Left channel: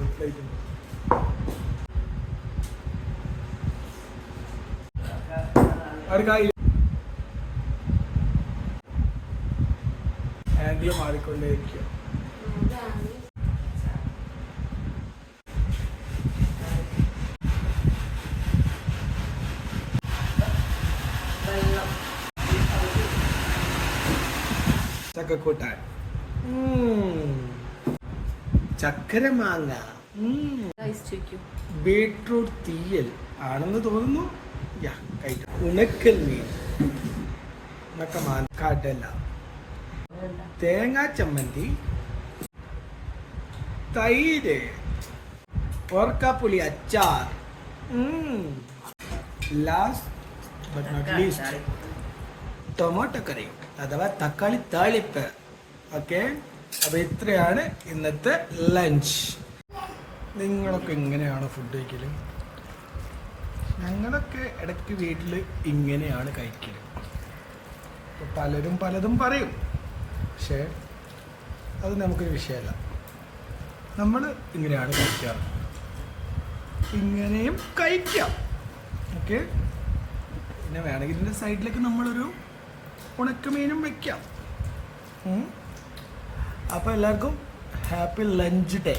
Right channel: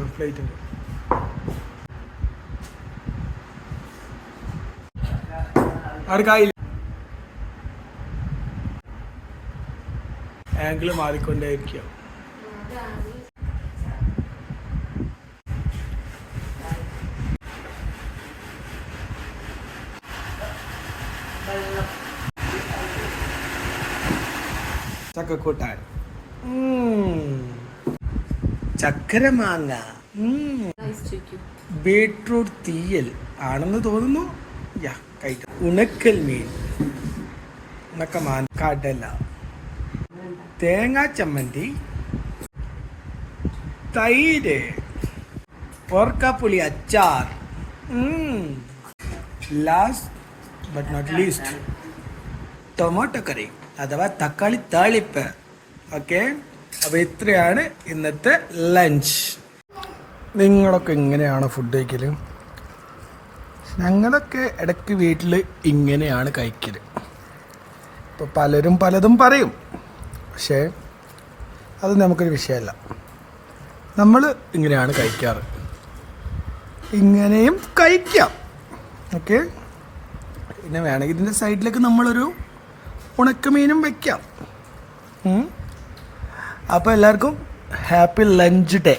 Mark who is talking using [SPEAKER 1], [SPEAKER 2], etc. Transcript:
[SPEAKER 1] ഉണ്ട് ആർക്കായില്ല? ആംഗിൾ മാറിക്കൊണ്ടേയിരിക്കും ചക്കക്കൂട്ടാൻ. ചക്കര മാങ്ങ ബീട്രൂട്ട് തീയൽ ആണെന്ന് തോന്നുന്നു. യാ കഴിക്കാം. ഉണക്കൽ മീൻ. ഉണക്കമാൻ കടല. തേങ്ങാ ചമ്മന്തി. തൈര്. ഓർക്കാപ്പുളി അച്ചാർ. Last but not least tomato curry അഥവാ തക്കാളി താളിപ്പ്. ഓക്കെ അപ്പോൾ ഇത്രയാണ് ഇന്നത്തെ ലഞ്ച് നിങ്ങളൊക്കെ ഇങ്ങനെയാണ് ഫുഡ് കഴിക്കൽ ഞങ്ങളൊക്കെ ഇടയ്ക്ക് വീട്ടിൽ ഇങ്ങനെയാണ് കഴിക്കൽ ഇപ്പോൾ പലരും പലതും പറയും. പക്ഷേ അത് നമുക്കൊരു വിഷയമല്ല. നമ്മൾ ഇങ്ങനെയാണ് കഴിക്കാറ്. ഇങ്ങനെയും കഴിക്കാം. ഓക്കെ? പിന്നെ വേണമെങ്കിൽ ഇതിന്റെ സൈഡിലേക്ക് നമ്മളൊരു ഉണക്കമീനും വെക്കാം. അപ്പോൾ എല്ലാവർക്കും ഹാപ്പി ലഞ്ച് ഡേ.